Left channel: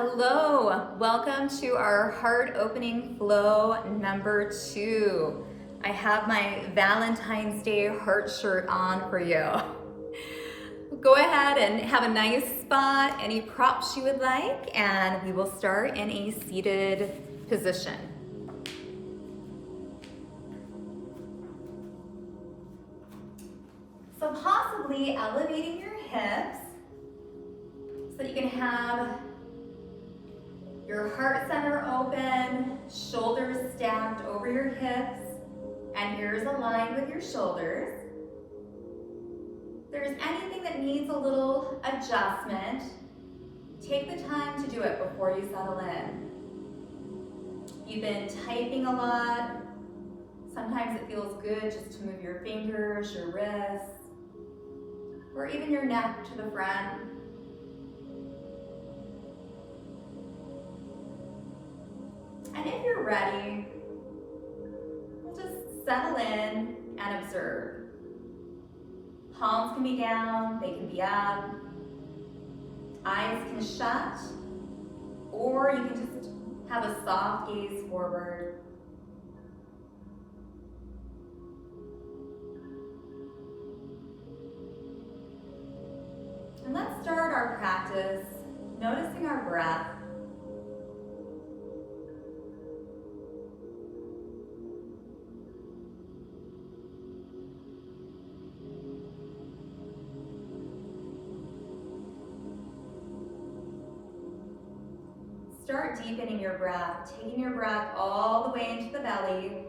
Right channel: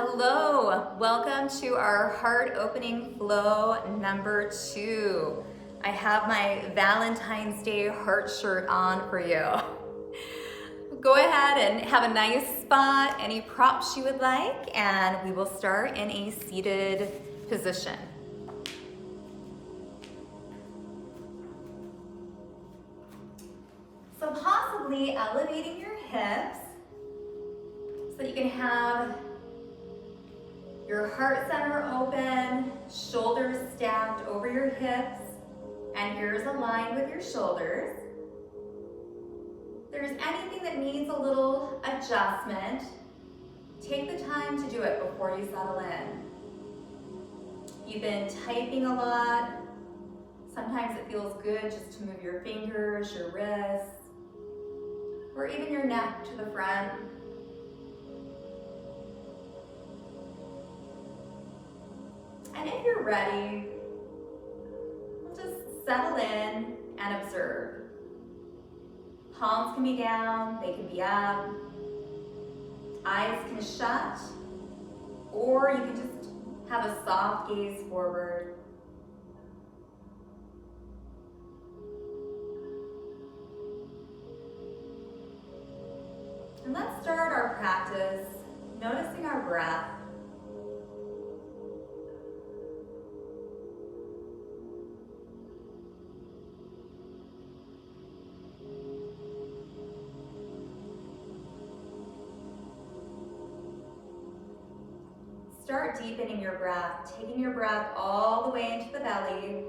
Hello, welcome to our heart opening flow number 2. I have my Valentine's Day heart shirt on for you. Go ahead and have a nice spot, any props you would like, and we will start in a seated position. So possibly elevating your hips so that you can have your heart center open, shoulders stacked over your hips, and ears aligned with your shoulders. If there's anything that needs a little adjustment, take the time to do it before you settle in. If you've been typing a lot, sometimes it feels good just to move your fingers, your wrists, or even your neck to the front. And if you're ready, just settle in and observe. Palms can be down, they can be up. Eyes can shut, or you can just have a soft gaze forward. And let's start our practice noticing our breath. Start deepening your breath, taking your breath all the way into the belly.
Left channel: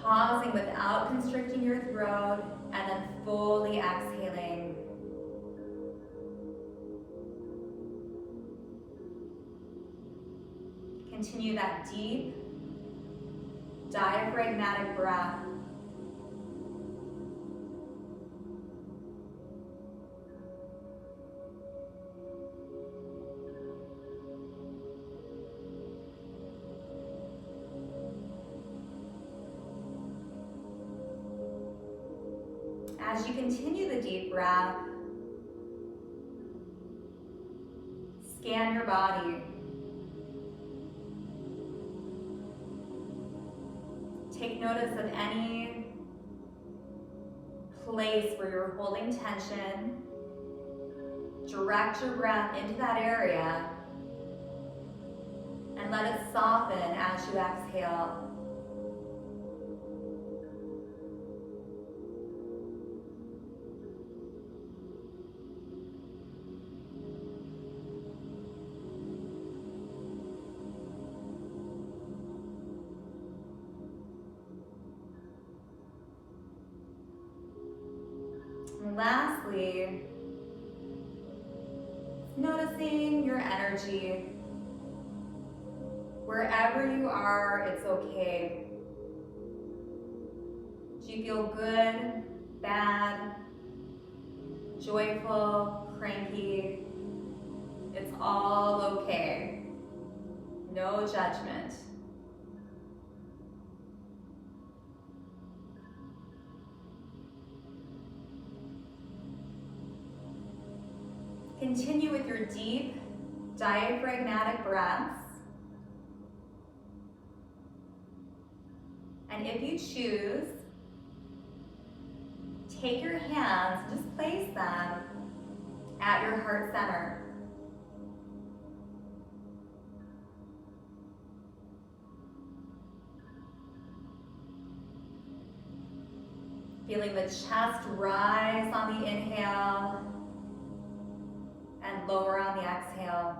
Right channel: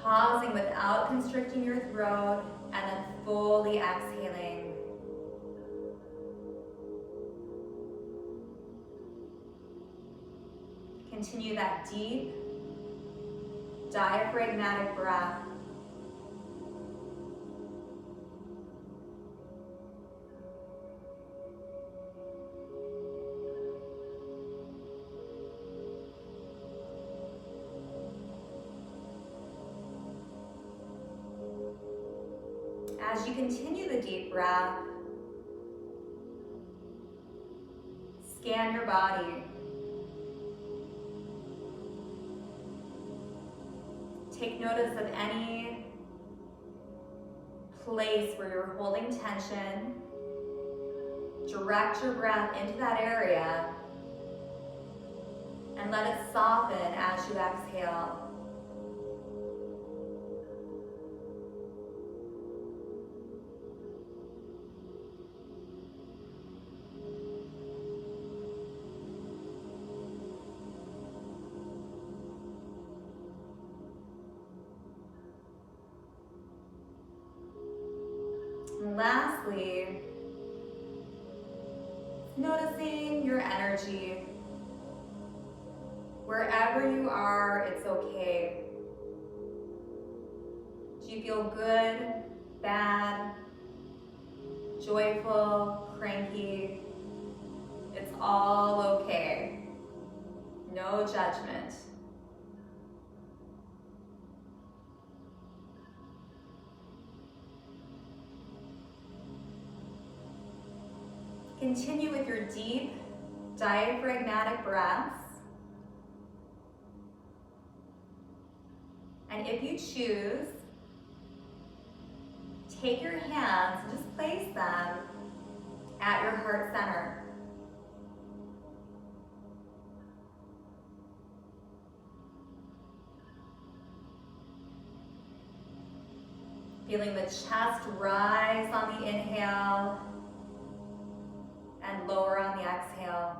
Pausing without constricting your throat, and then fully exhaling. Continue that deep, diaphragmatic breath. As you continue the deep breath, scan your body. Take notice of any place where you're holding tension. Direct your breath into that area and let it soften as you exhale. And lastly, noticing your energy. Wherever you are, it's okay. Do you feel good, bad, joyful, cranky? It's all okay. No judgment. Continue with your deep, diaphragmatic breaths. And if you choose, take your hands and just place them at your heart center. Feeling the chest rise on the inhale and lower on the exhale.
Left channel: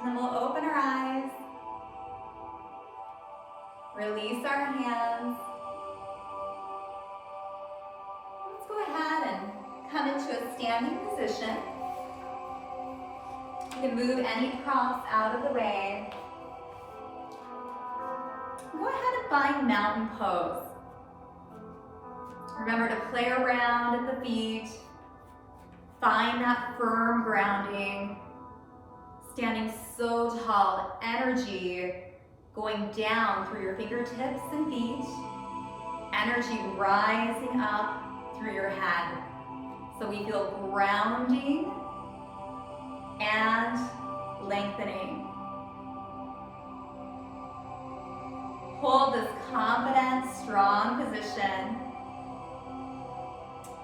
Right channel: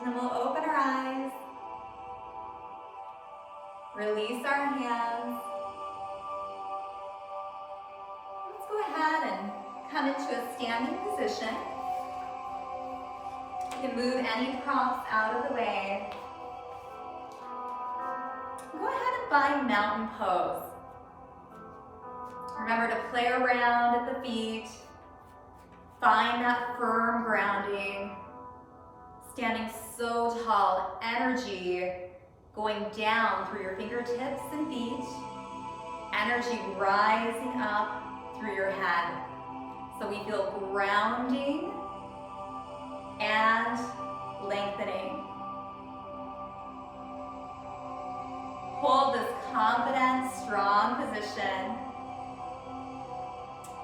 And then we'll open our eyes, release our hands. Let's go ahead and come into a standing position. You can move any props out of the way. Go ahead and find mountain pose. Remember to play around at the feet. Find that firm grounding. Standing so tall, energy going down through your fingertips and feet. Energy rising up through your head. So we feel grounding and lengthening. Hold this confident, strong position.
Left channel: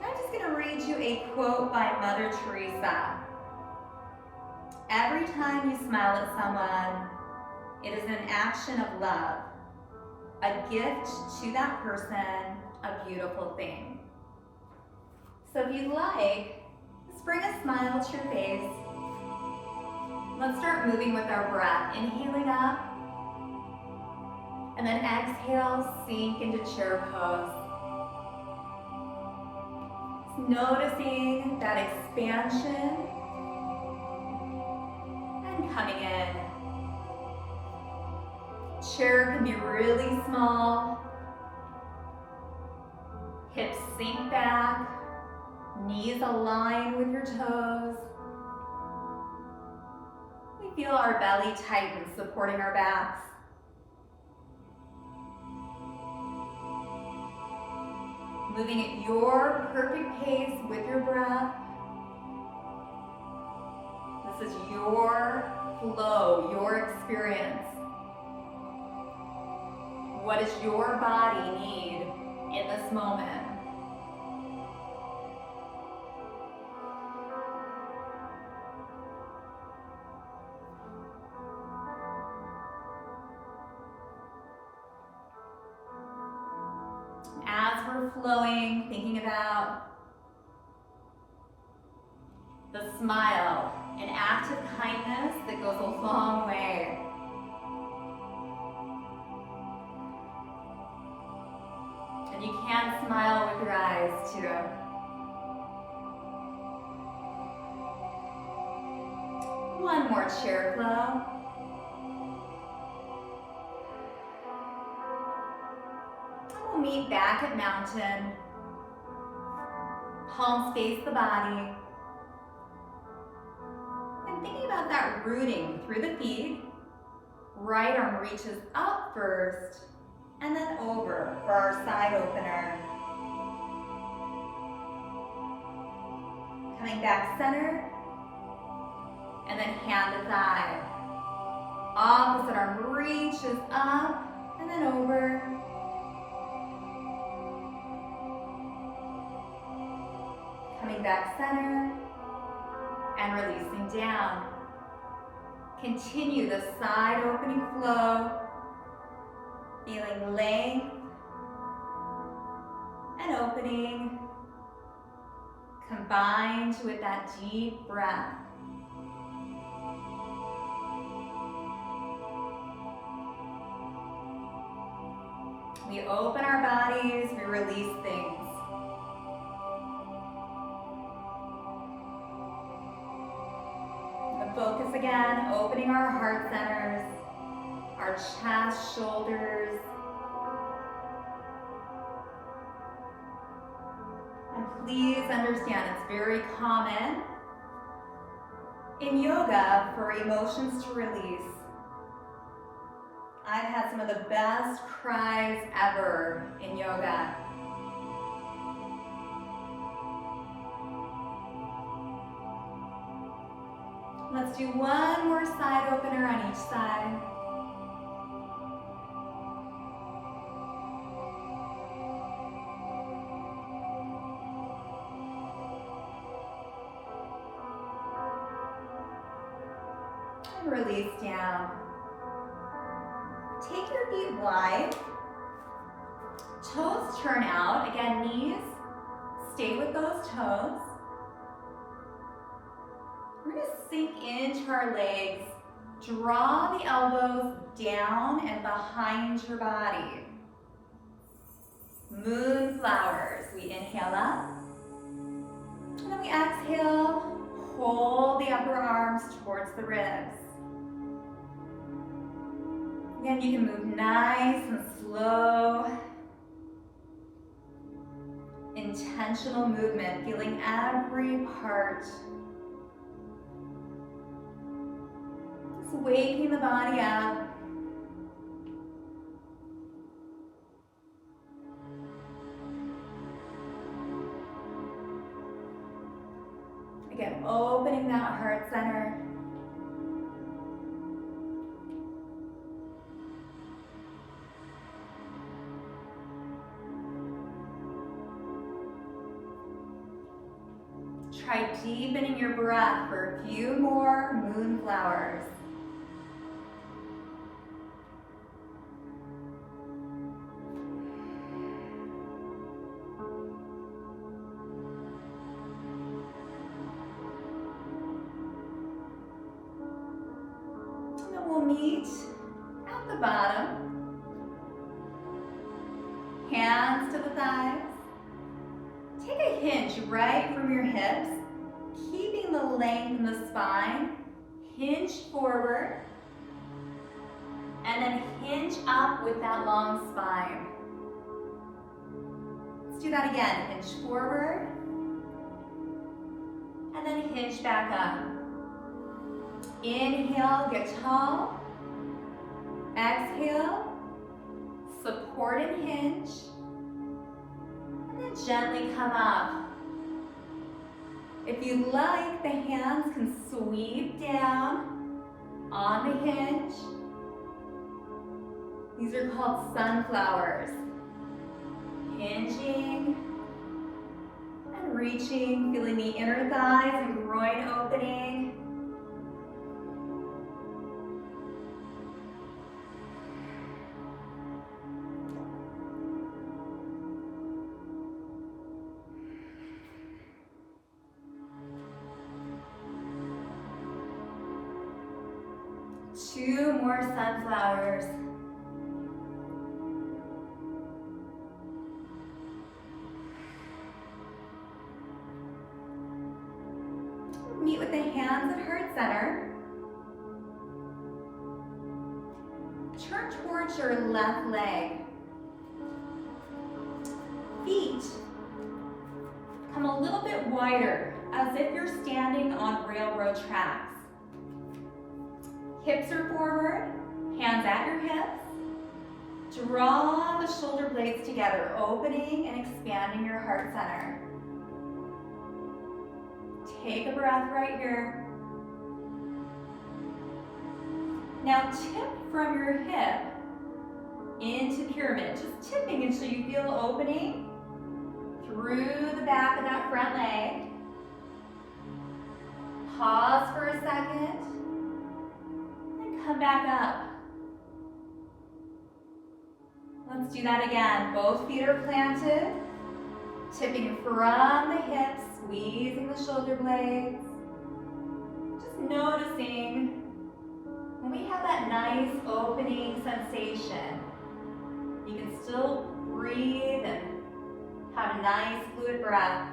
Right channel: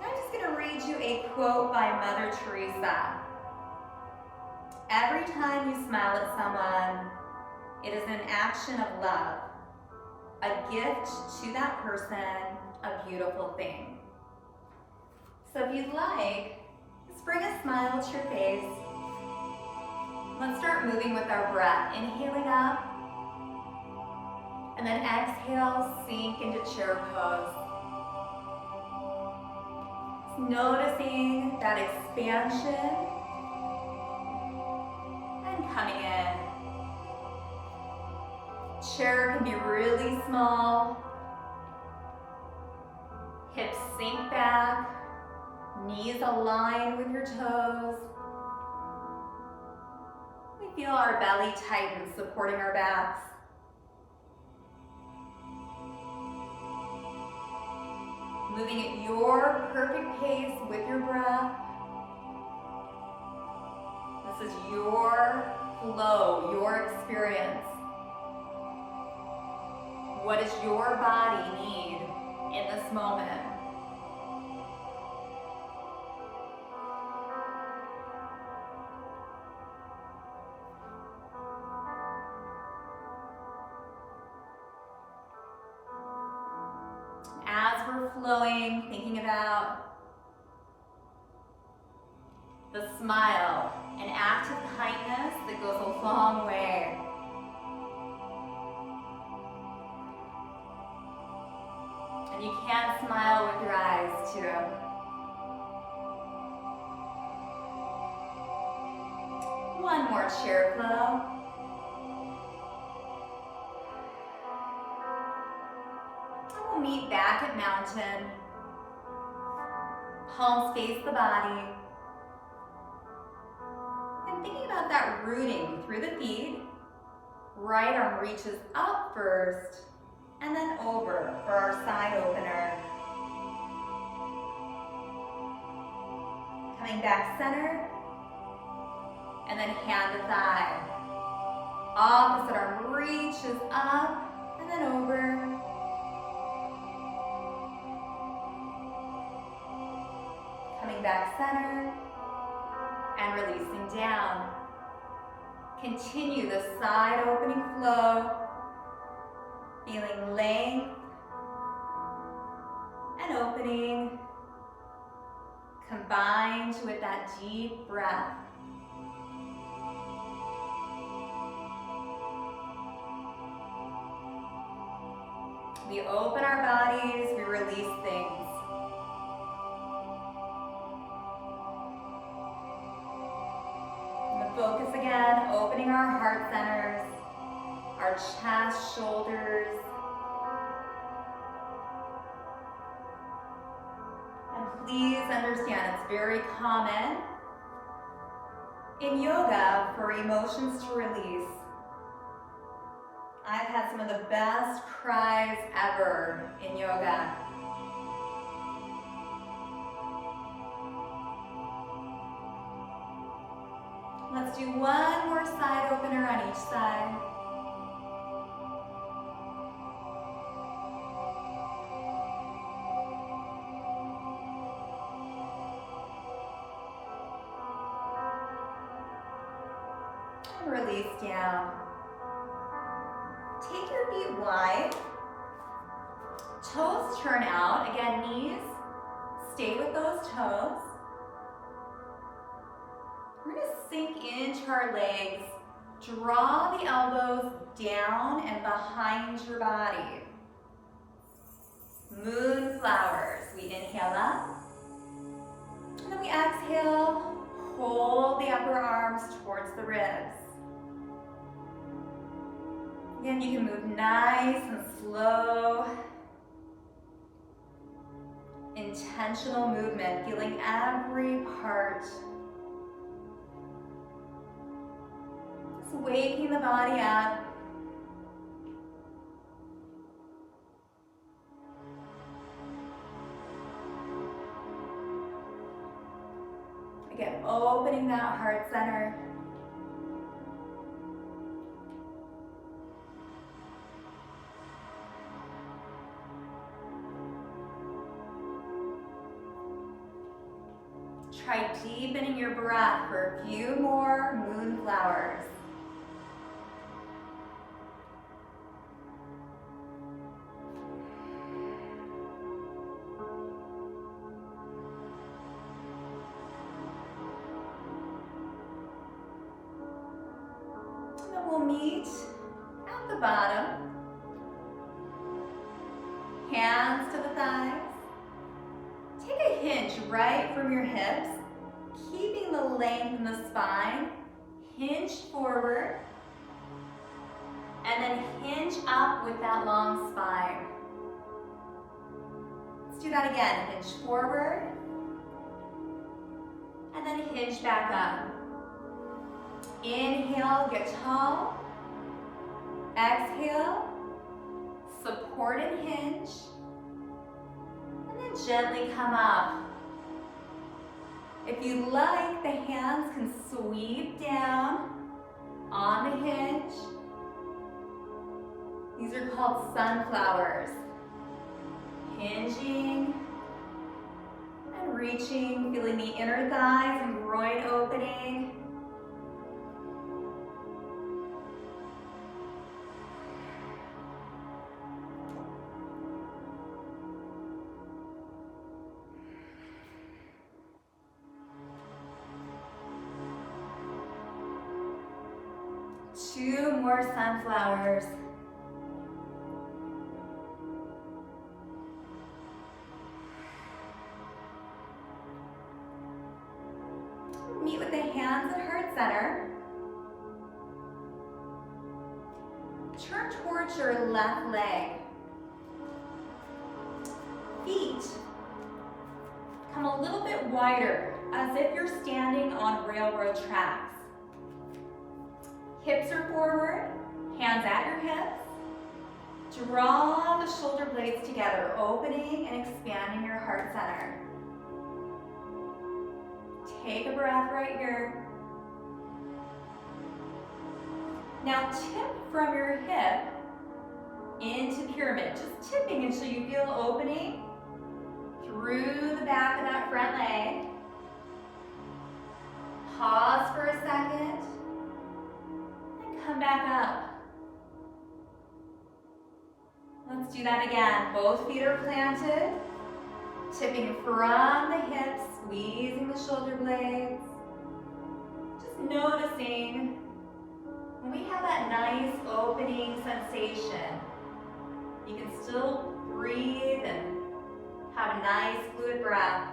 I'm just going to read you a quote by Mother Teresa. Every time you smile at someone, it is an action of love, a gift to that person, a beautiful thing. So if you'd like, just bring a smile to your face. Let's start moving with our breath. Inhaling up, and then exhale, sink into chair pose. Just noticing that expansion and coming in. Chair can be really small. Hips sink back, knees align with your toes. We feel our belly tighten, supporting our backs. Moving at your perfect pace with your breath. This is your flow, your experience. What does your body need in this moment? As we're flowing, thinking about the smile, an act of kindness that goes a long way. And you can smile with your eyes too. One more chair flow. And we'll meet back at mountain. Palms face the body. And thinking about that rooting through the feet. Right arm reaches up first, and then over for our side opener. Coming back center, and then hand to thigh. Opposite arm reaches up, and then over. Coming back center, and releasing down. Continue the side opening flow. Feeling length and opening combined with that deep breath. We open our bodies, we release things. And the focus again, opening our heart centers. Our chest, shoulders. And please understand it's very common in yoga for emotions to release. I've had some of the best cries ever in yoga. Let's do one more side opener on each side. Release down. Take your feet wide. Toes turn out. Again, knees, stay with those toes. We're going to sink into our legs. Draw the elbows down and behind your body. Moonflowers. We inhale up. And then we exhale. Hold pull the upper arms towards the ribs. Again, you can move nice and slow. Intentional movement, feeling every part. Just waking the body up. Again, opening that heart center. Try deepening your breath for a few more moonflowers. And then we'll meet at the bottom. Hands to the thighs. Take a hinge right from your hips, keeping the length in the spine. Hinge forward, and then hinge up with that long spine. Let's do that again. Hinge forward, and then hinge back up. Inhale, get tall. Exhale, support and hinge. Gently come up. If you like, the hands can sweep down on the hinge. These are called sunflowers. Hinging and reaching, feeling the inner thighs and groin opening. Two more sunflowers. Meet with the hands at heart center. Turn towards your left leg. Feet come a little bit wider, as if you're standing on railroad tracks. Hips are forward, hands at your hips. Draw the shoulder blades together, opening and expanding your heart center. Take a breath right here. Now tip from your hip into pyramid, just tipping until you feel opening through the back of that front leg. Pause for a second. Come back up. Let's do that again. Both feet are planted. Tipping from the hips, squeezing the shoulder blades. Just noticing when we have that nice opening sensation. You can still breathe and have a nice fluid breath.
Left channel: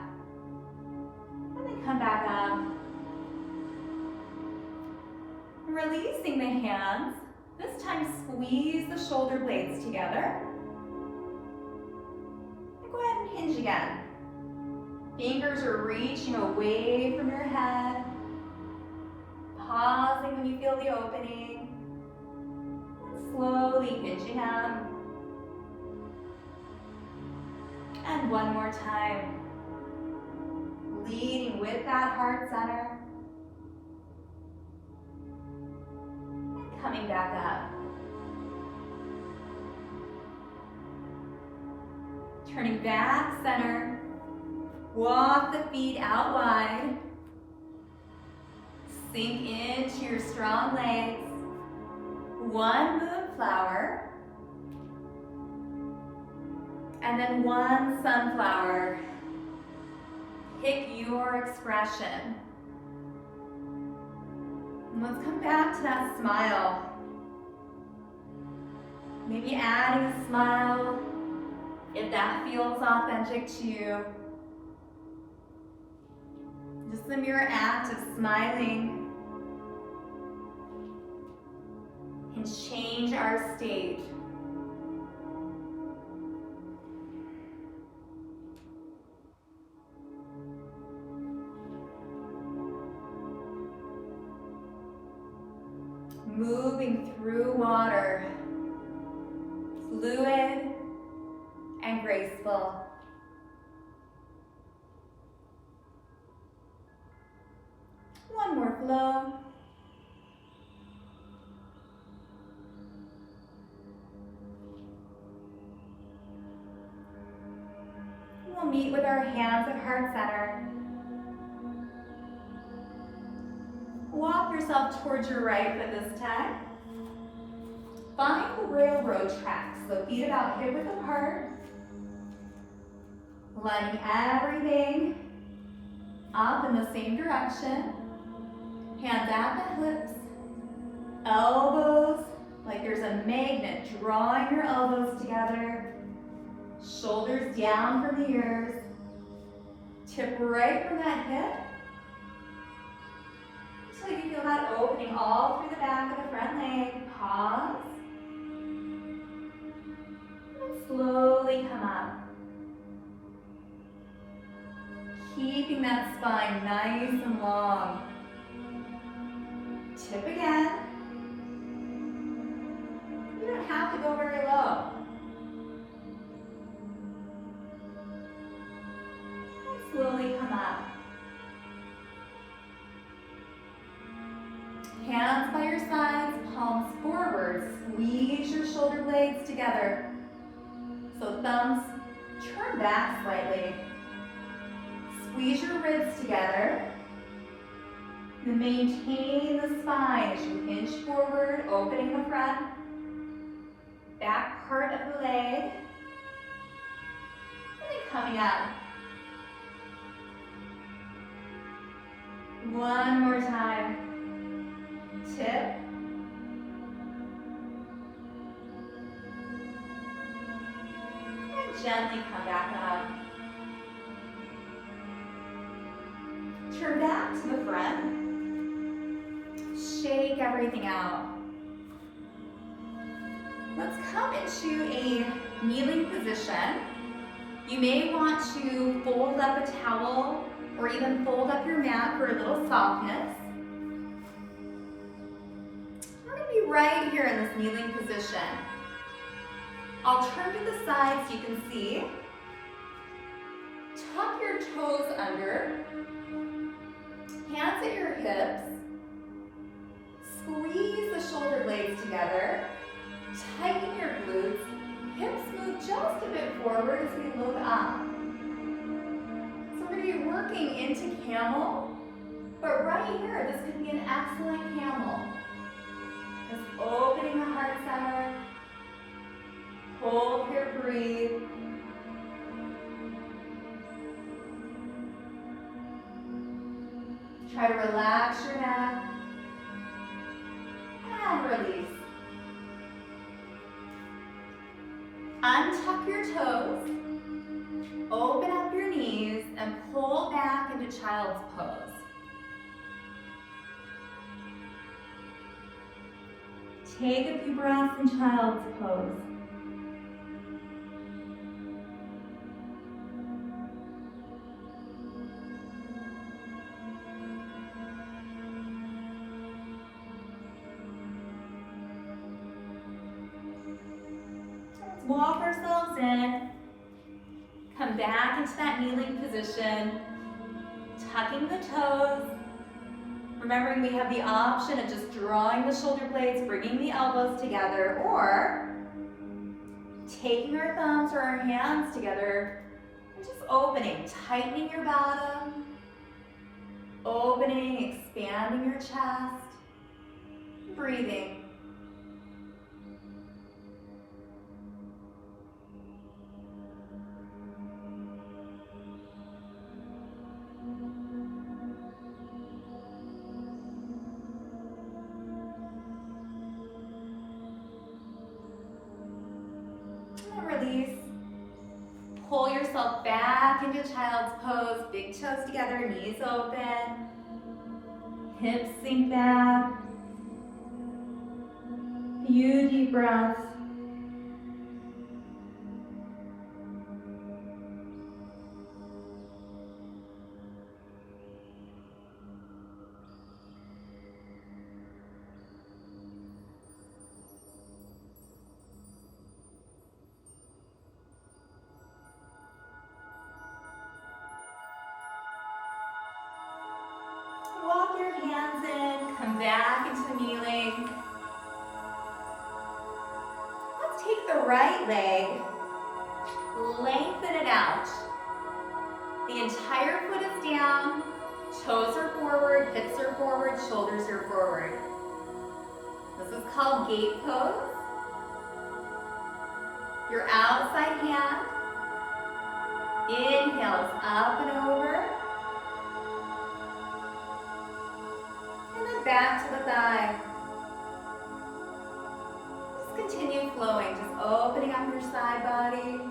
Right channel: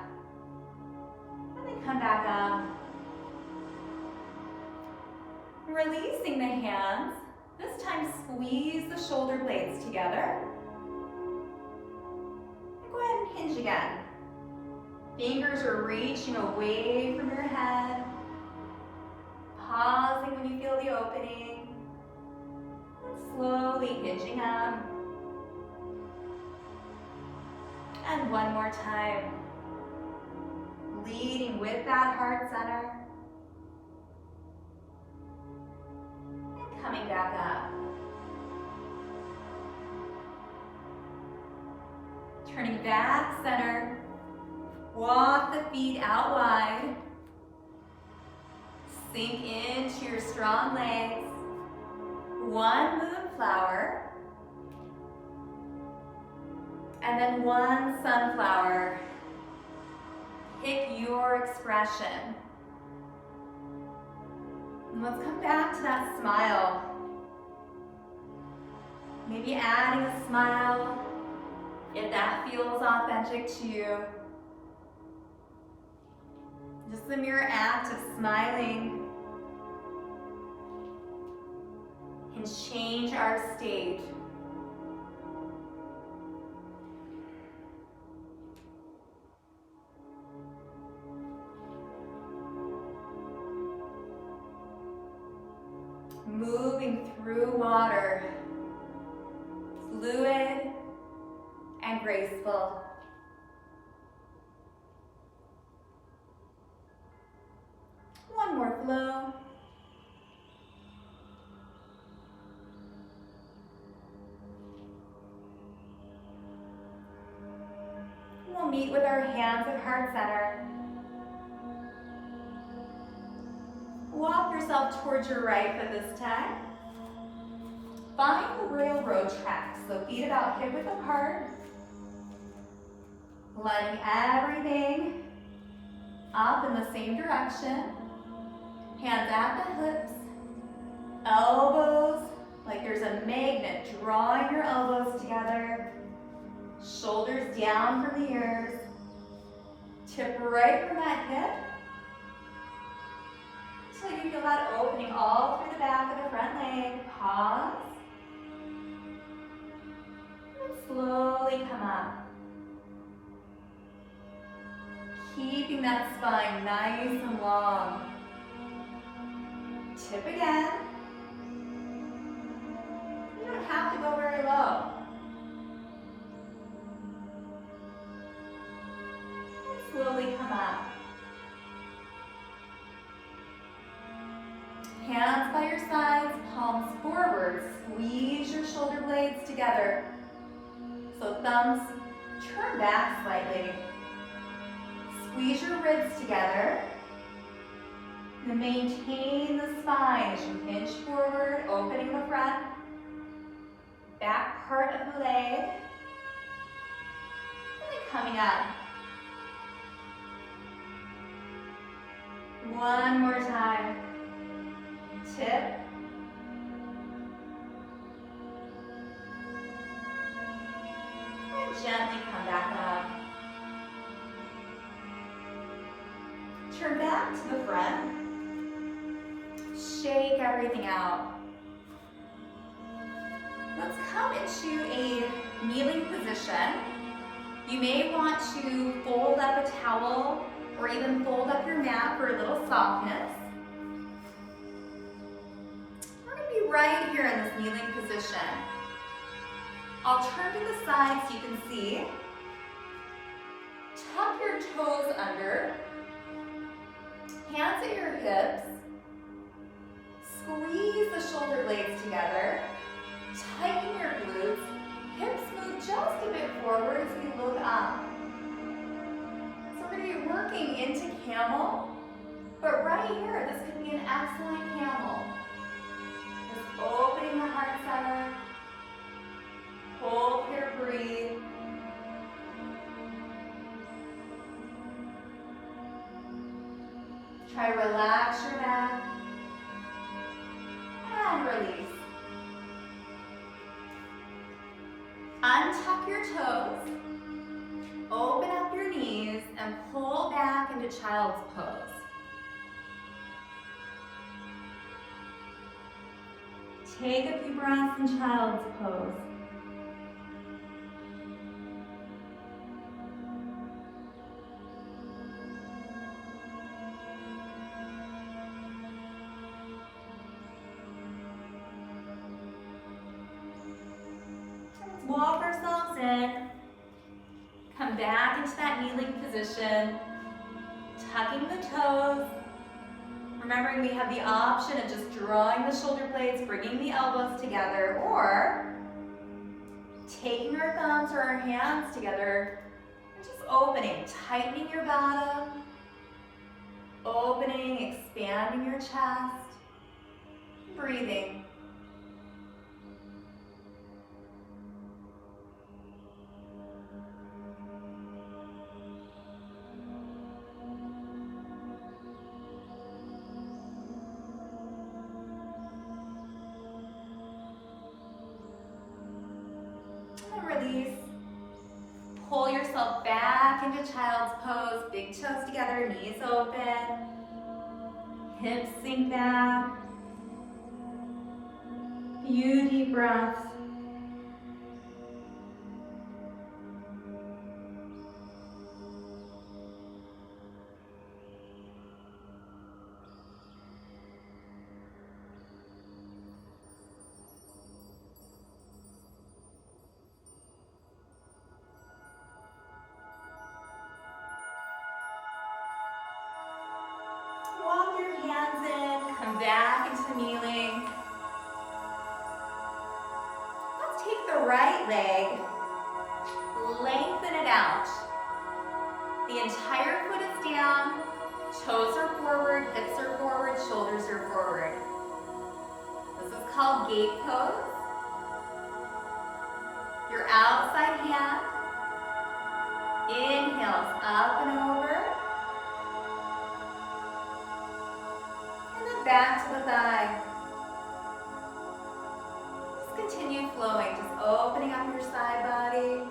And then come back up. Releasing the hands, this time squeeze the shoulder blades together. And go ahead and hinge again. Fingers are reaching away from your head. Pausing when you feel the opening. And slowly hinging up. And one more time. Leading with that heart center. Coming back up. Turning back center. Walk the feet out wide. Sink into your strong legs. One moonflower. And then one sunflower. Pick your expression. And let's come back to that smile. Maybe adding a smile if that feels authentic to you. Just the mere act of smiling can change our state. Moving through water, fluid and graceful. One more flow. We'll meet with our hands at heart center. Walk yourself towards your right foot this time. Find the railroad tracks, so feet about hip width apart. Lining everything up in the same direction. Hands at the hips. Elbows, like there's a magnet drawing your elbows together. Shoulders down from the ears. Tip right from that hip. Until you feel that opening all through the back of the front leg. Pause. And slowly come up. Keeping that spine nice and long. Tip again. You don't have to go very low. And slowly come up. Hands by your sides, palms forward. Squeeze your shoulder blades together. So thumbs turn back slightly. Squeeze your ribs together. You maintain the spine as you hinge forward, opening the front, back part of the leg. And then coming up. One more time. Tip. And gently come back up. Turn back to the front. Shake everything out. Let's come into a kneeling position. You may want to fold up a towel or even fold up your mat for a little softness. We're going to be right here in this kneeling position. I'll turn to the side so you can see. Tuck your toes under. Hands at your hips. Squeeze the shoulder blades together. Tighten your glutes. Hips move just a bit forward as we look up. So we're going to be working into camel, but right here, this could be an excellent camel. Just opening the heart center. Hold here, breathe. Try to relax your neck. And release. Untuck your toes. Open up your knees and pull back into child's pose. Take a few breaths in child's pose. Walk ourselves in, come back into that kneeling position, tucking the toes. Remembering we have the option of just drawing the shoulder blades, bringing the elbows together, or taking our thumbs or our hands together and just opening, tightening your bottom, opening, expanding your chest, breathing. Release. Pull yourself back into child's pose, big toes together, knees open. Hips sink back. Few deep breaths. Walk your hands in, come back into kneeling. Let's take the right leg, lengthen it out. The entire foot is down, toes are forward, hips are forward, shoulders are forward. This is called Gait Pose. Your outside hand inhales up and over. And then back to the thigh. Just continue flowing, just opening up your side body.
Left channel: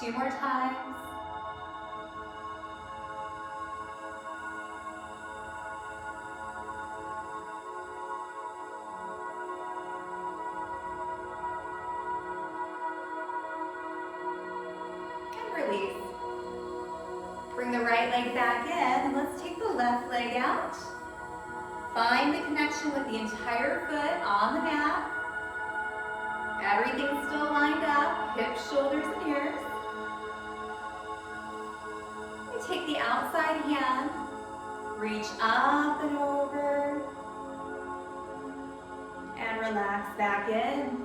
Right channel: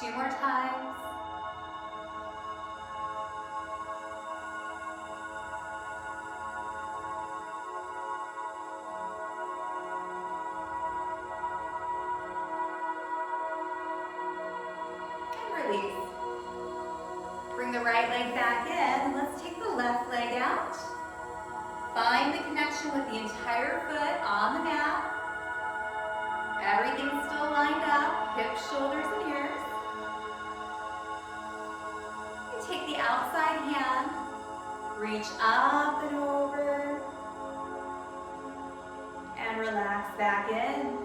Two more times. And release. Bring the right leg back in. Let's take the left leg out. Find the connection with the entire foot on the mat. Everything's still lined up, hips, shoulders, and ears. Take the outside hand, reach up and over, and relax back in.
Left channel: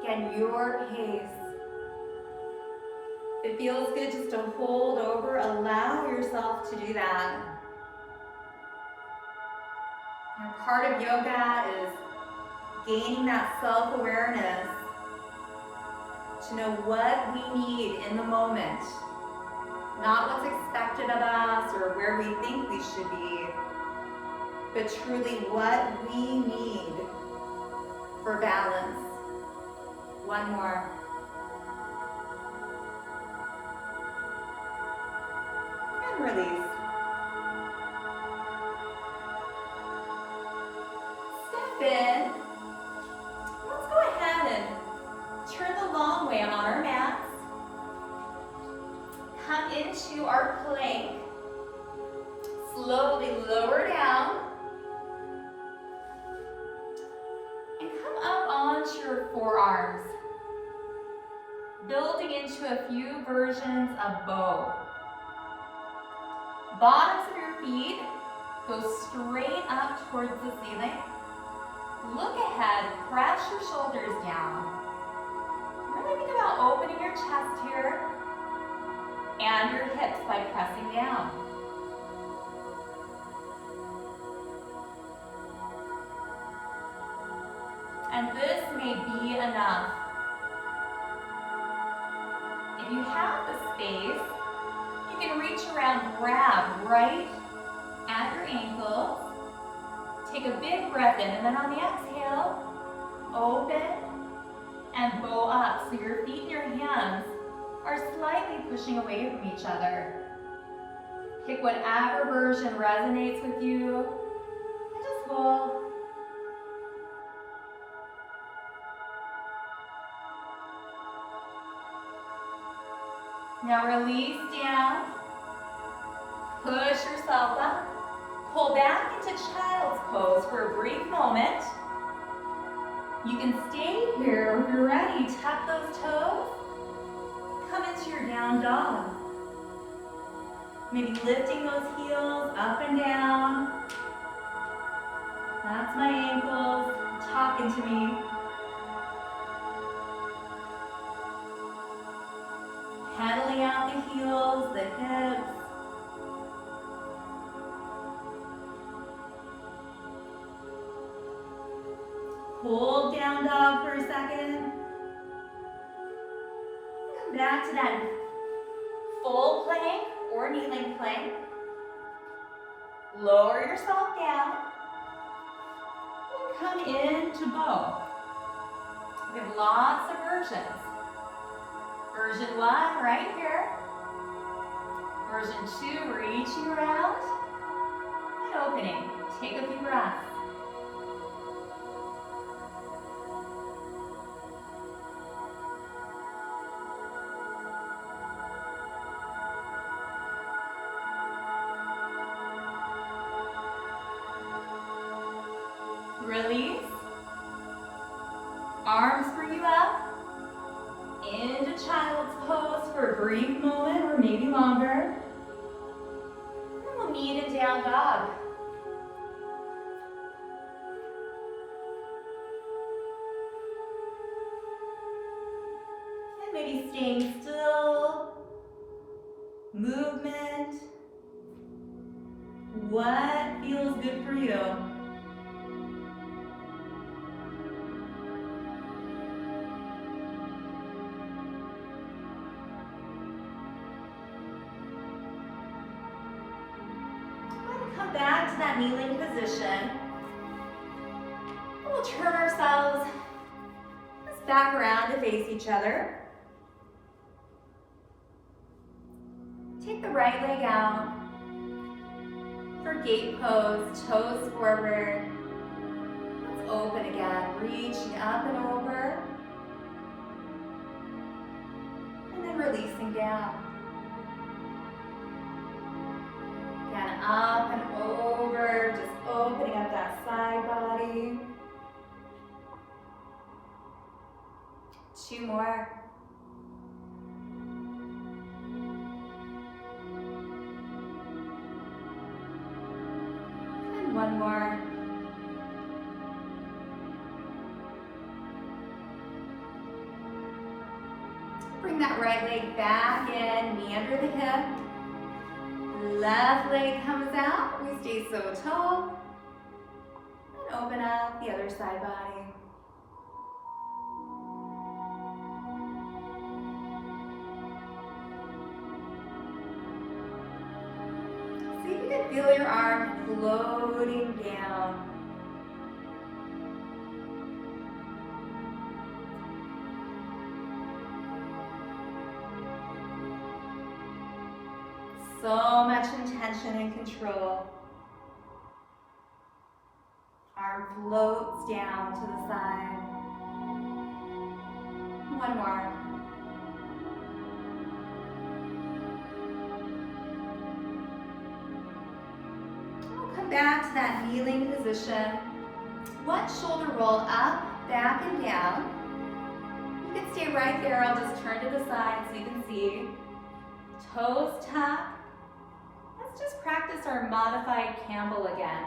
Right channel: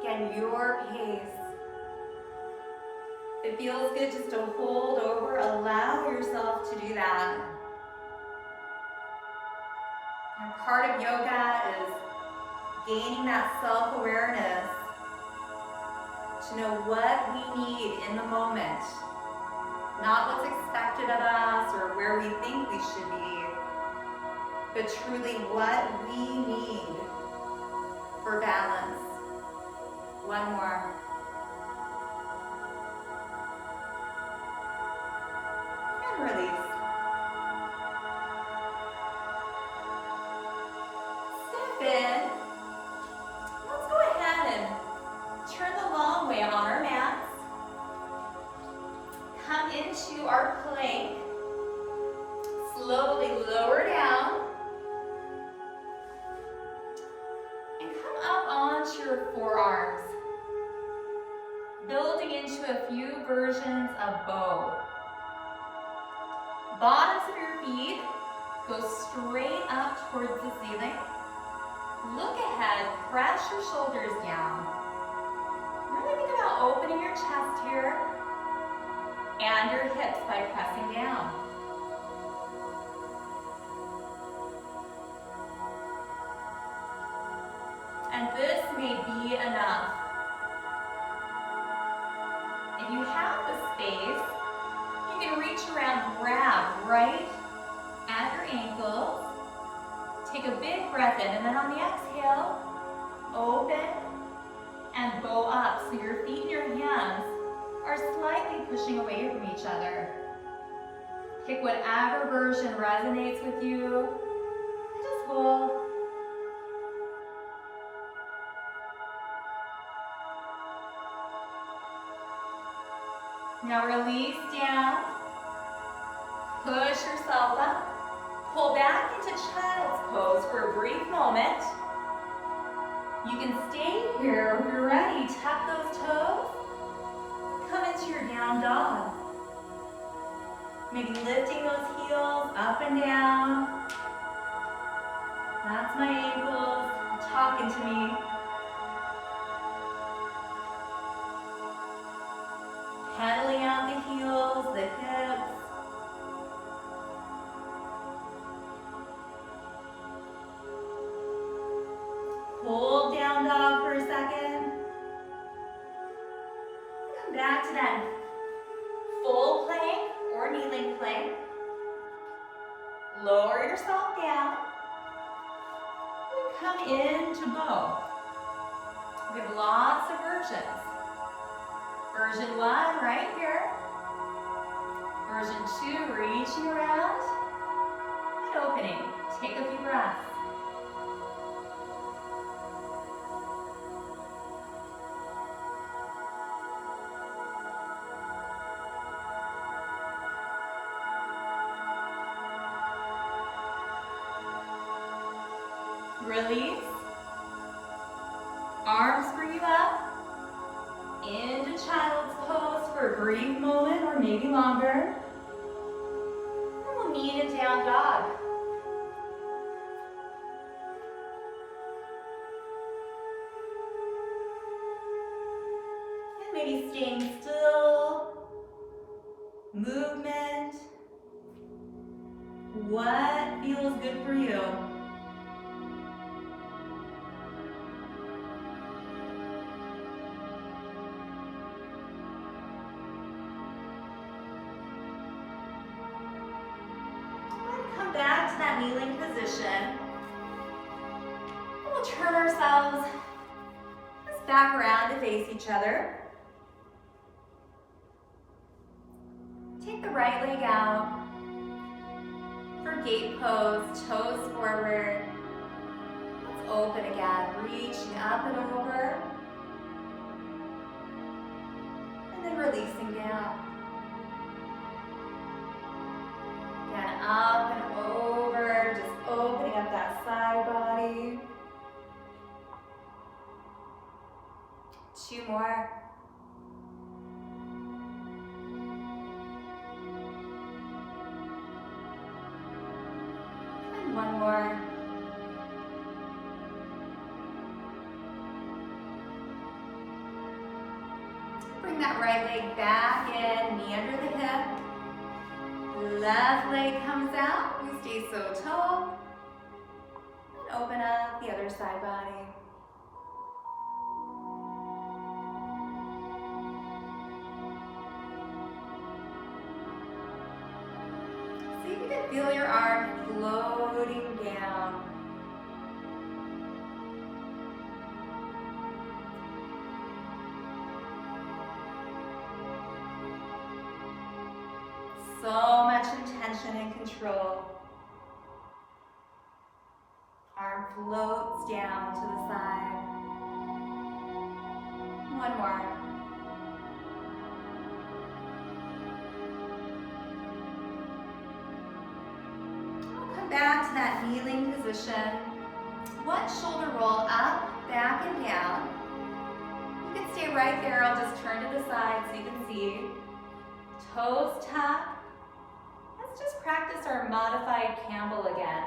Again, your pace. It feels good just to hold over, allow yourself to do that. And part of yoga is gaining that self-awareness to know what we need in the moment, not what's expected of us or where we think we should be, but truly what we need for balance. One more. And release. Step in. Let's go ahead and turn the long way on our mats. Come into our plank. Slowly lower down. And come up onto your forearms. Building into a few versions of bow. Bottoms of your feet go straight up towards the ceiling. Look ahead, press your shoulders down. Really think about opening your chest here and your hips by pressing down. And this may be enough. If you have the space, you can reach around, grab right at your ankles. Take a big breath in, and then on the exhale, open and bow up. So your feet and your hands are slightly pushing away from each other. Pick whatever version resonates with you, and just hold. Now release down, push yourself up, pull back into child's pose for a brief moment. You can stay here if you're ready. Tuck those toes, come into your down dog. Maybe lifting those heels up and down. That's my ankles talking to me. Pedaling out the heels, the hips. Hold down dog for a second. back to that full plank or kneeling plank. Lower yourself down. And come into bow. We have lots of versions. Version 1 right here. Version 2, reaching around and opening. Take a few breaths. Release. Arms bring you up into child's pose for a brief moment or maybe longer. And we'll meet in down dog. And maybe staying still. Movement. What feels good for you? Back to that kneeling position. We'll turn ourselves just back around to face each other. Take the right leg out for gait pose, toes forward. Let's open again, reaching up and over. And then releasing down. Again, up and over, just opening up that side body. 2 more. And 1 more. Bring that right leg back in, knee under the hip. Left leg comes out, we stay so tall. And open up the other side body. See if you can feel your arm floating down. So much intention and control. Arm floats down to the side. 1 more. We'll come back to that kneeling position. 1 shoulder roll up, back and down. You can stay right there. I'll just turn to the side so you can see. Toes tuck. Let's just practice our modified Camel again.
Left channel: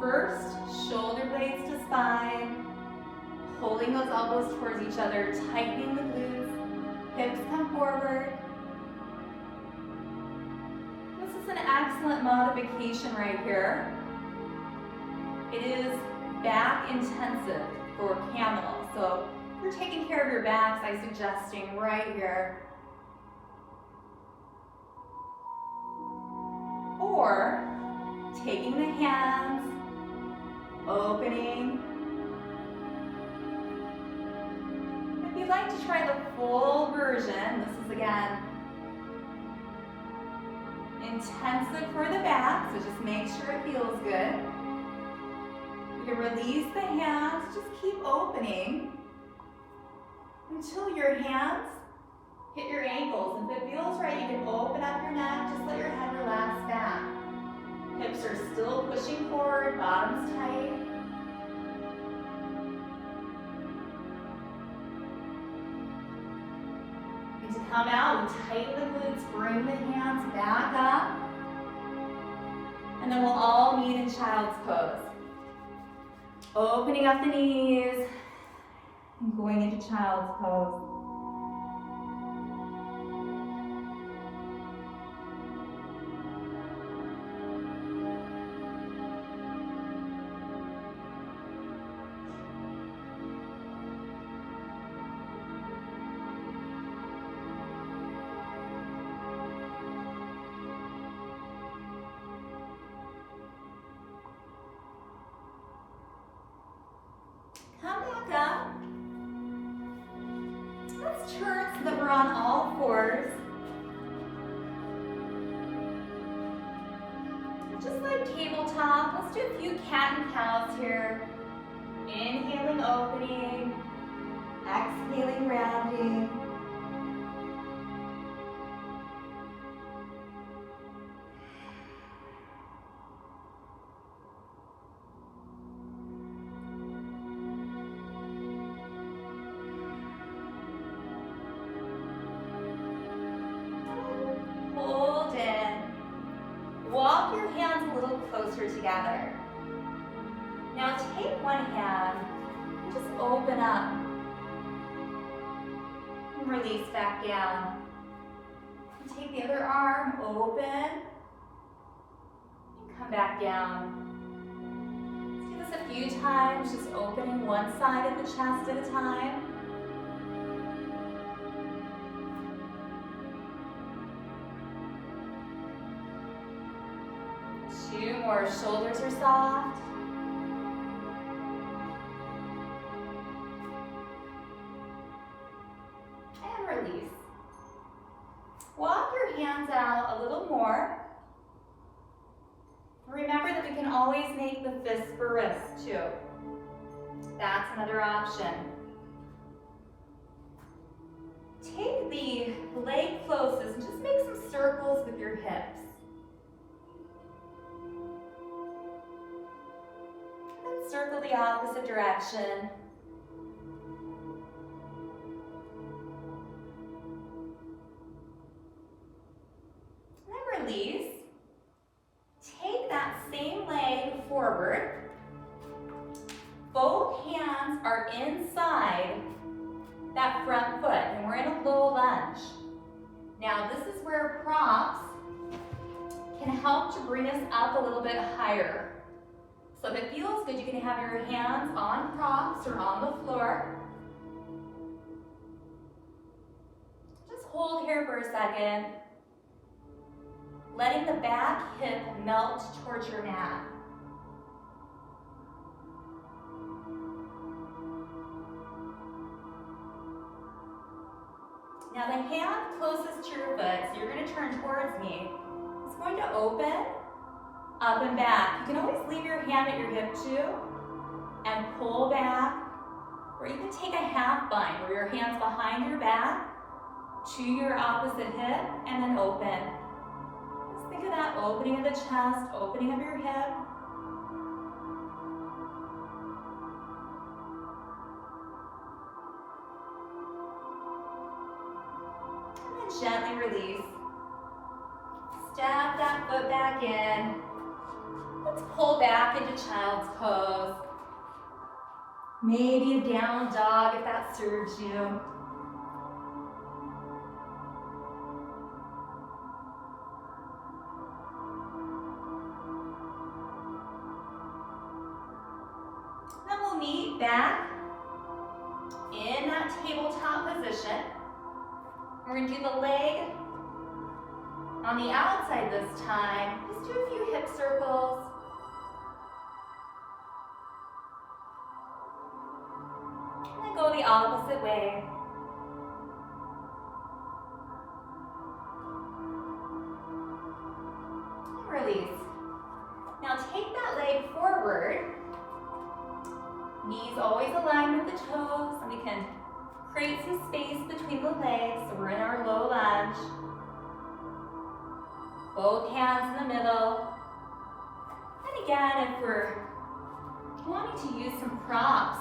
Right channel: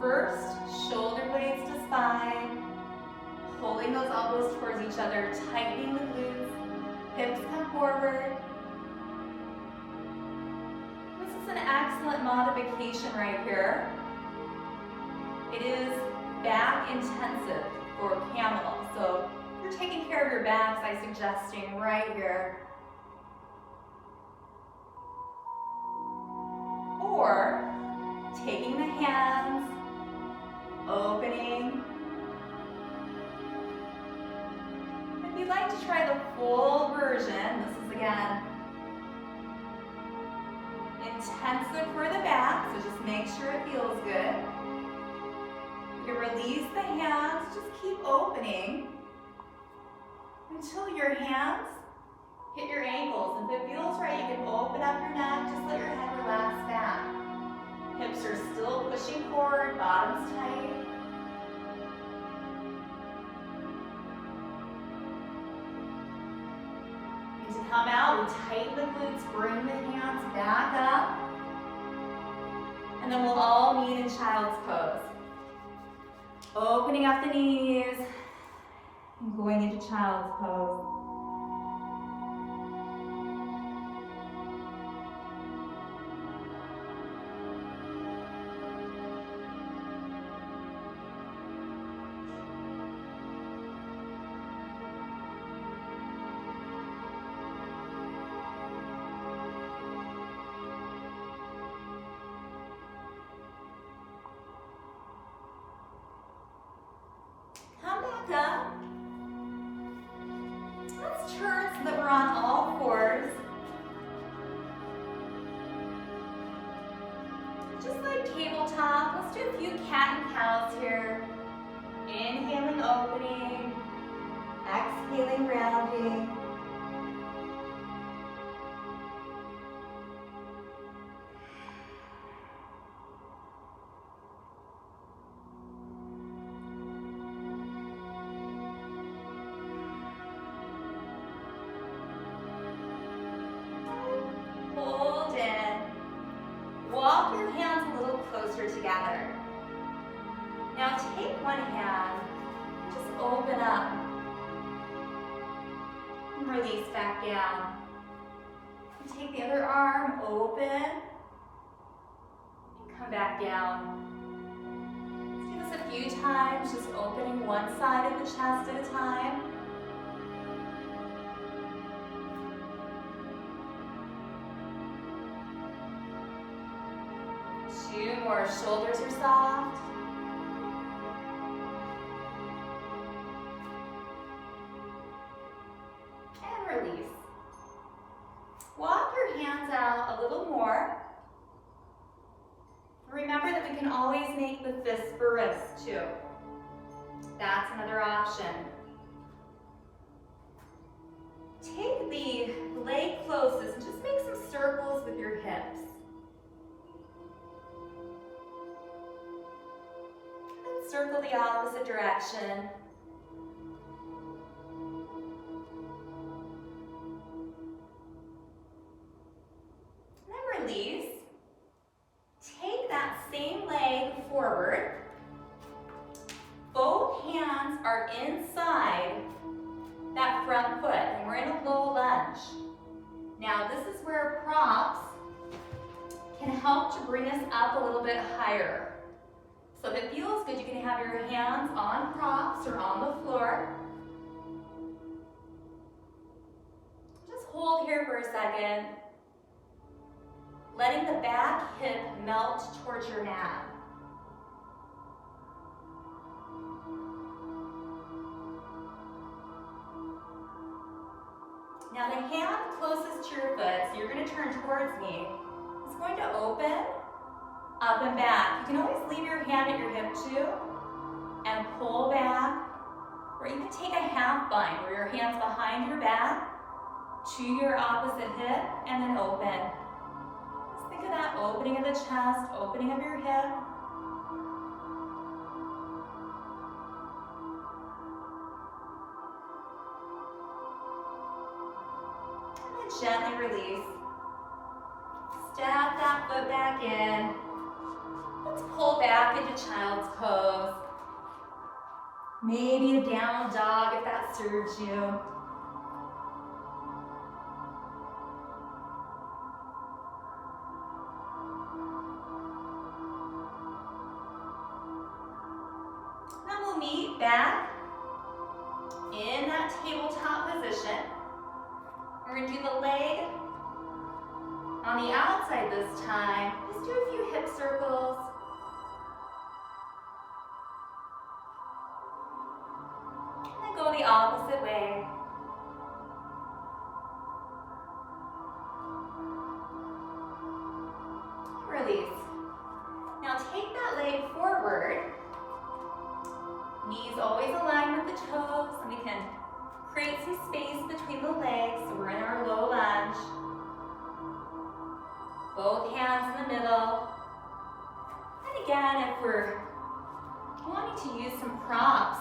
First, shoulder blades to spine, holding those elbows towards each other, tightening the glutes, hips come forward. This is an excellent modification right here. It is back intensive for Camel, so if you're taking care of your backs, I'm suggesting right here. Or taking the hands, opening. If you'd like to try the full version, this is again intensive for the back, so just make sure it feels good. You can release the hands, just keep opening until your hands hit your ankles. And if it feels right, you can open up your neck, just let your head relax back. Hips are still pushing forward, bottom's tight. And to come out, we tighten the glutes, bring the hands back up. And then we'll all meet in child's pose. Opening up the knees and going into child's pose. Come back up. Let's turn so that we're on all fours. Just like tabletop, let's do a few cat and cows here. Inhaling, opening, exhaling, rounding. Hold in. Walk your hands a little closer together. Now take one hand and just open up. And release back down. And take the other arm, open, and come back down. Let's do this a few times, just opening one side of the chest at a time. Two more, shoulders are soft. And release. Walk your hands out a little more. Remember that we can always make the fist for wrist too. That's another option. Take the leg closest and just make some circles with your hips. And circle the opposite direction. And then release. Take that same leg forward. Both hands are inside that front foot, and we're in a low lunge. Now this is where props can help to bring us up a little bit higher. So if it feels good, you can have your hands on props or on the floor. Just hold here for a second, letting the back hip melt towards your mat. Now the hand closest to your foot, so you're going to turn towards me, is going to open, up and back. You can always leave your hand at your hip too, and pull back, or you can take a half bind where your hand's behind your back to your opposite hip, and then open. Just think of that opening of the chest, opening of your hip. Gently release. Step that foot back in. Let's pull back into child's pose. Maybe a down dog if that serves you. Then we'll meet back in that tabletop position. We're going to do the leg on the outside this time. Just do a few hip circles. And then go the opposite way. Release. Now take that leg forward. Knees always aligned with the toes, and we can create some space between the legs, so we're in our low lunge. Both hands in the middle. And again, if we're wanting to use some props,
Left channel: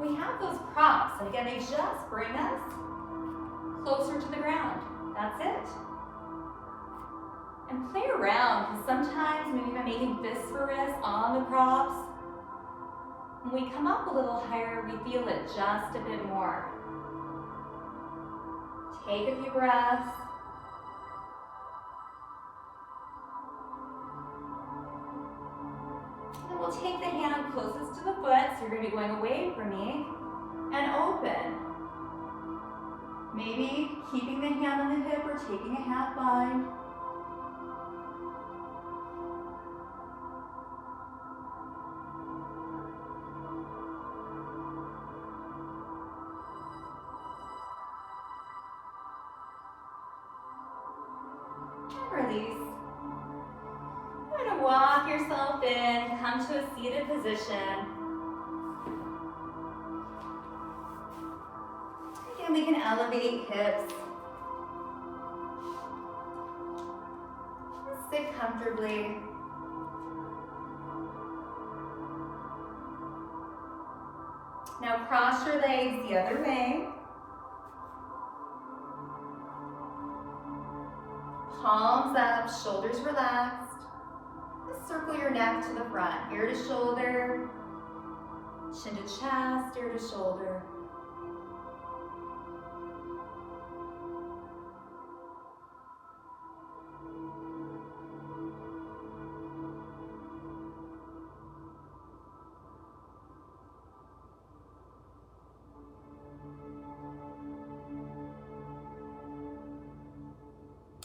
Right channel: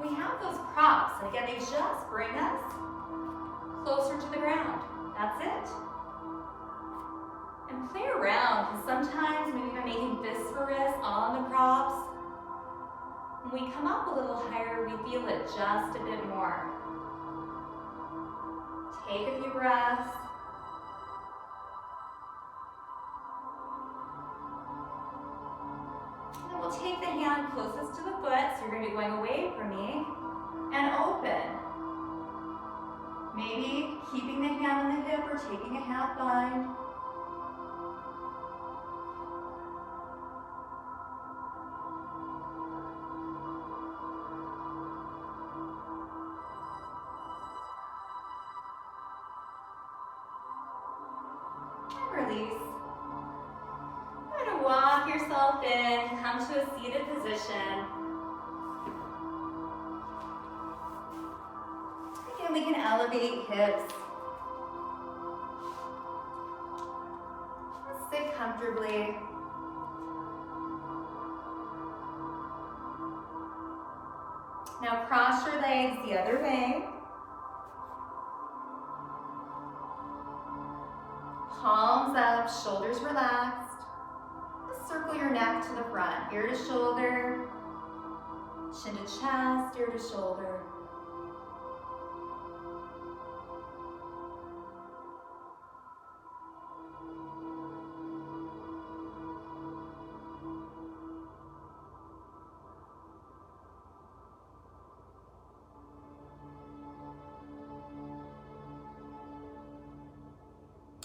we have those props, and again, they just bring us closer to the ground. That's it. And play around, because sometimes maybe by making fists for wrists on the props, when we come up a little higher, we feel it just a bit more. Take a few breaths. And we'll take the hand closest to the foot, so you're going to be going away from me, and open. Maybe keeping the hand on the hip or taking a half bind. and release. You're going to walk yourself in, come to a seated position. Again, we can elevate hips. Sit comfortably. Now cross your legs the other way. Palms up, shoulders relaxed. Just circle your neck to the front, ear to shoulder, chin to chest, ear to shoulder.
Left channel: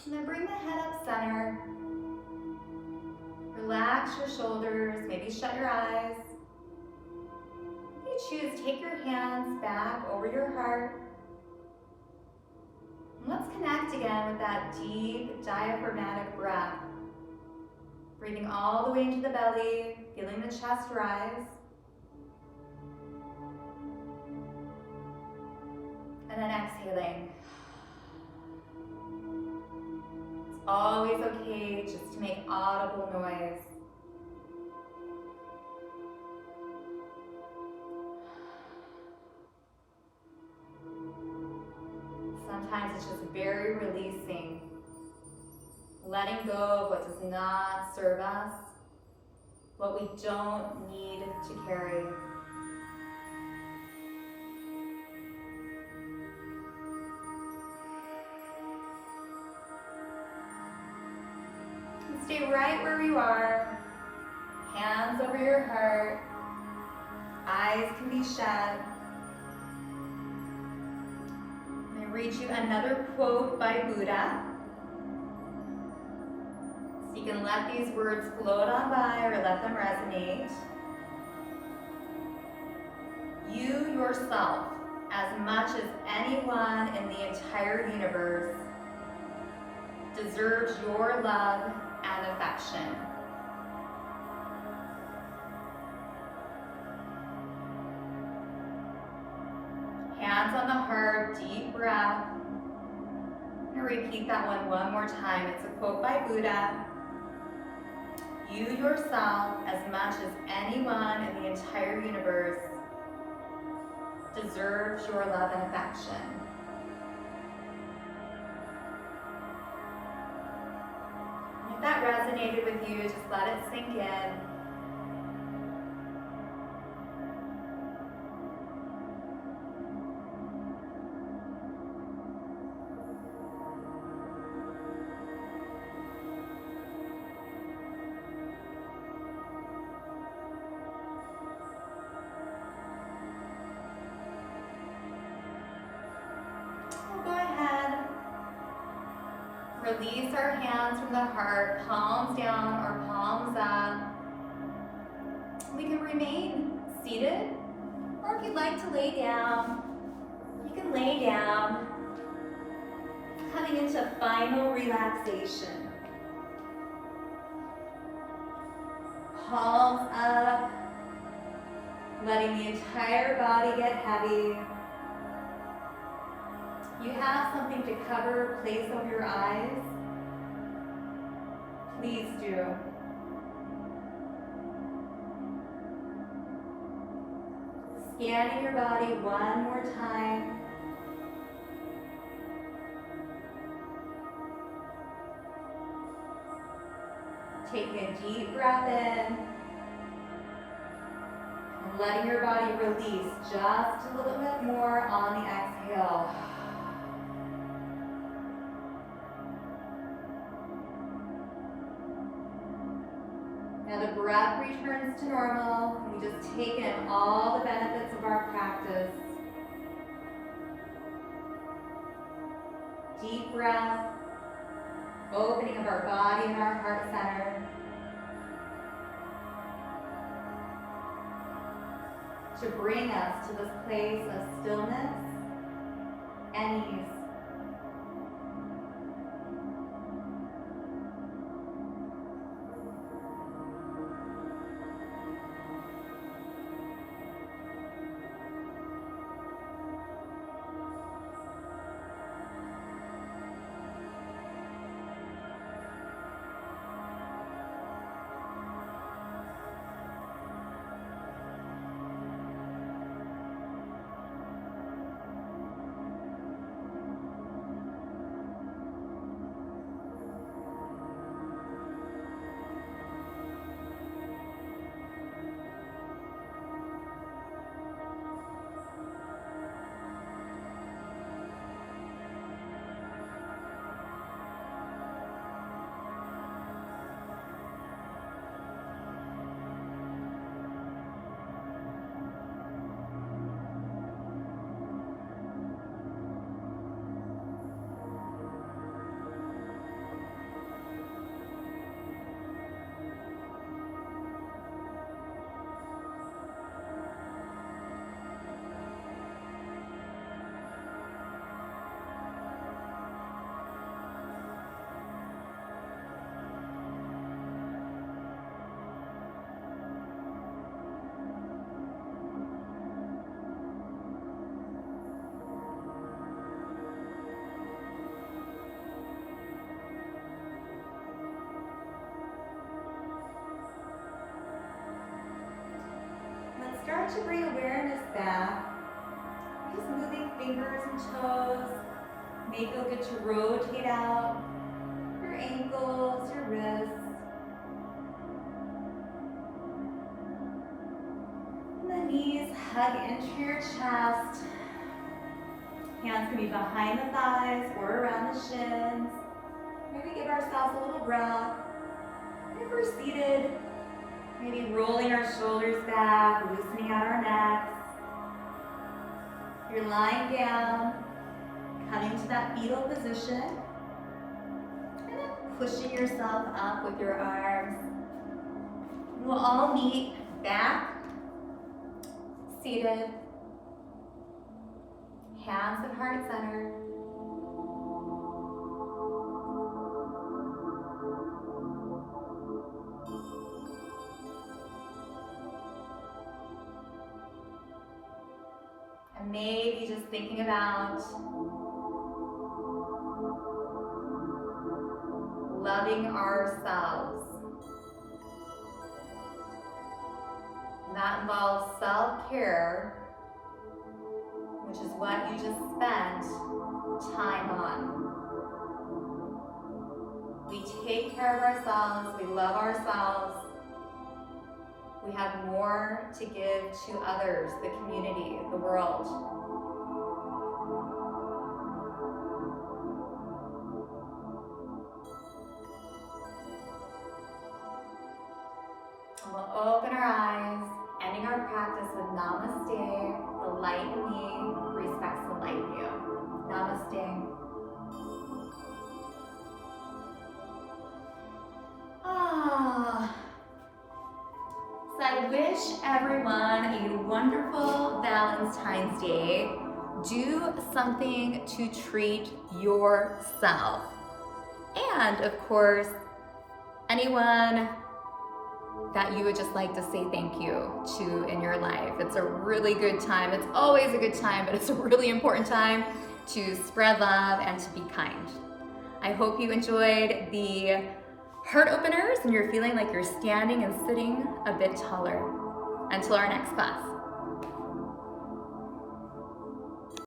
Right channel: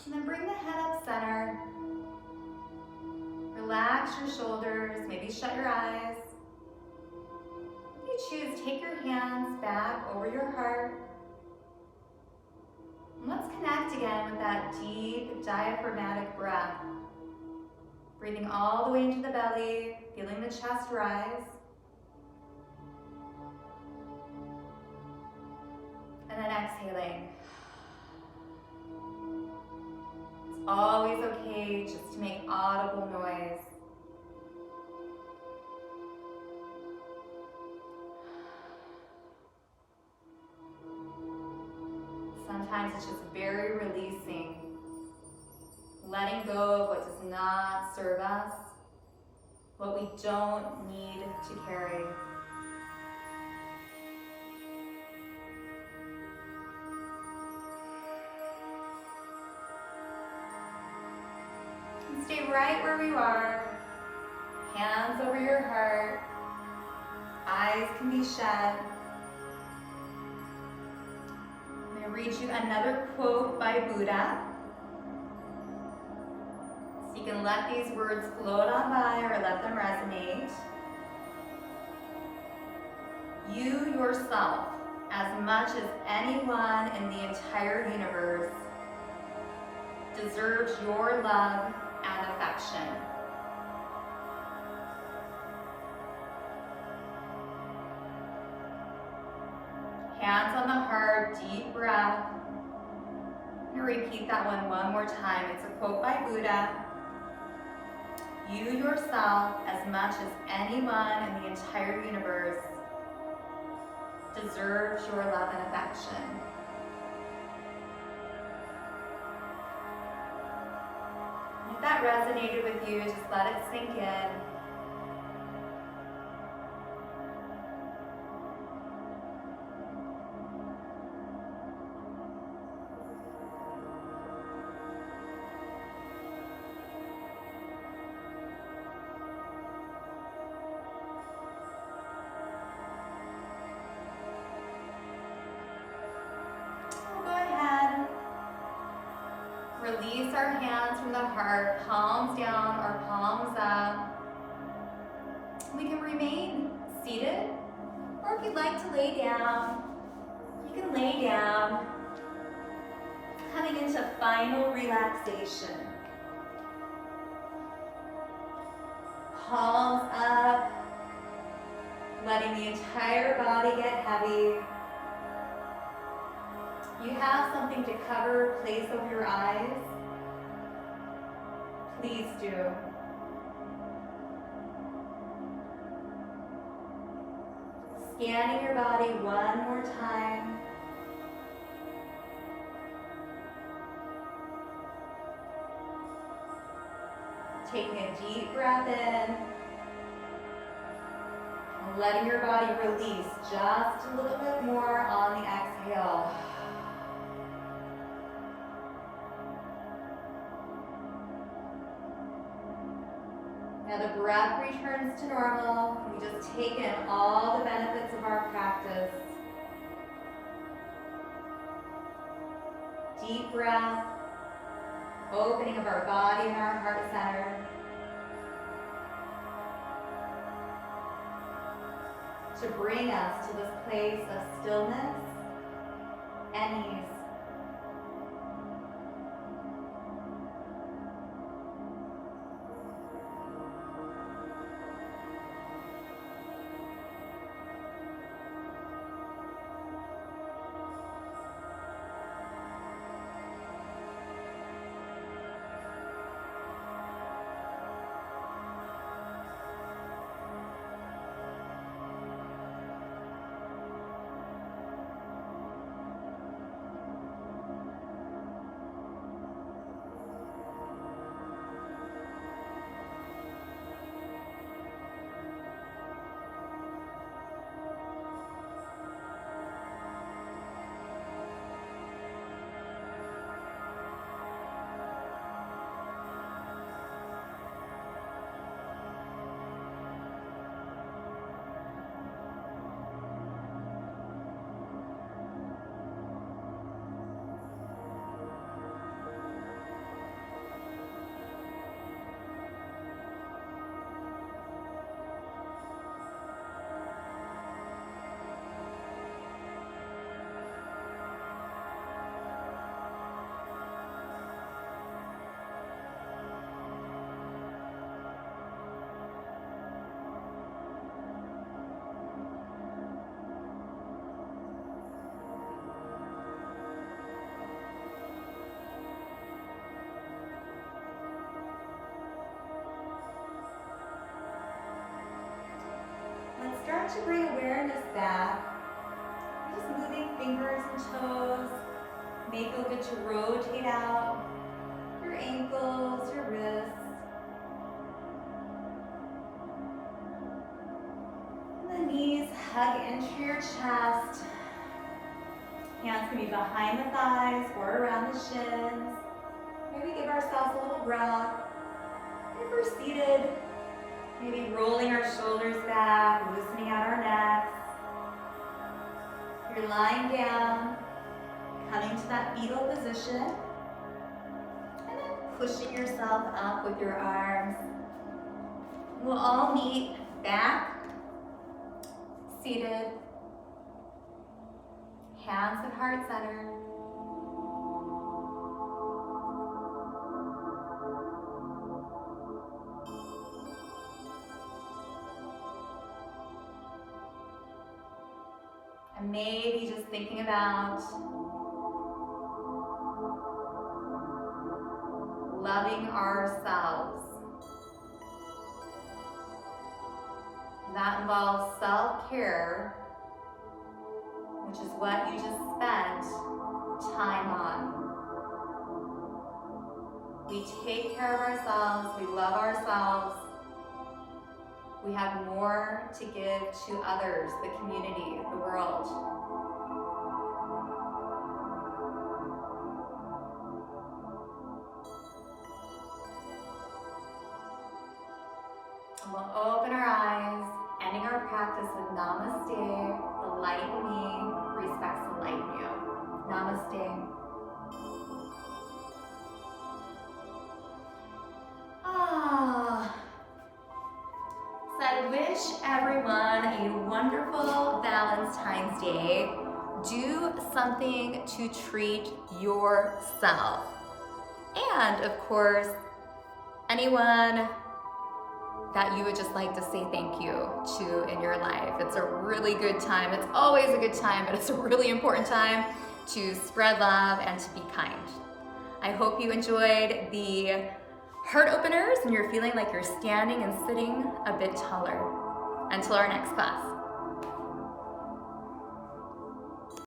And then bring the head up center. Relax your shoulders, maybe shut your eyes. If you choose, take your hands back over your heart. And let's connect again with that deep diaphragmatic breath. Breathing all the way into the belly, feeling the chest rise. And then exhaling. Always okay just to make audible noise. Sometimes it's just very releasing, letting go of what does not serve us, what we don't need to carry. Stay right where you are, hands over your heart, eyes can be shut. I'm going to read you another quote by Buddha. So you can let these words float on by or let them resonate. You yourself, as much as anyone in the entire universe, deserves your love and affection. Hands on the heart, deep breath. I'm going to repeat that one more time. It's a quote by Buddha. You yourself, as much as anyone in the entire universe, deserves your love and affection. If that resonated with you, just let it sink in. Release our hands from the heart, palms down or palms up. We can remain seated, or if you'd like to lay down, you can lay down, coming into final relaxation. Palms up, letting the entire body get heavy. You have something to cover, place over your eyes, please do. Scanning your body one more time. Taking a deep breath in, and letting your body release just a little bit more on the exhale. Now the breath returns to normal. We just take in all the benefits of our practice. Deep breath, opening of our body and our heart center. To bring us to this place of stillness and ease. to bring awareness back. Just moving fingers and toes. May feel good to rotate out your ankles, your wrists. The knees hug into your chest. Hands can be behind the thighs or around the shins. Maybe give ourselves a little breath. If we're seated, maybe rolling our shoulders back, loosening out our necks. If you're lying down, coming to that fetal position. And then pushing yourself up with your arms. We'll all meet back, seated, hands at heart center. And maybe just thinking about loving ourselves. That involves self-care, which is what you just spent time on. We take care of ourselves, we love ourselves. We have more to give to others, the community, the world. And we'll open our eyes, ending our practice with Namaste. The light in me respects the light in you. Namaste. So I wish everyone a wonderful Valentine's Day. Do something to treat yourself. And of course, anyone that you would just like to say thank you to in your life. It's a really good time. It's always a good time, but it's a really important time to spread love and to be kind. I hope you enjoyed the heart openers and you're feeling like you're standing and sitting a bit taller. Until our next class.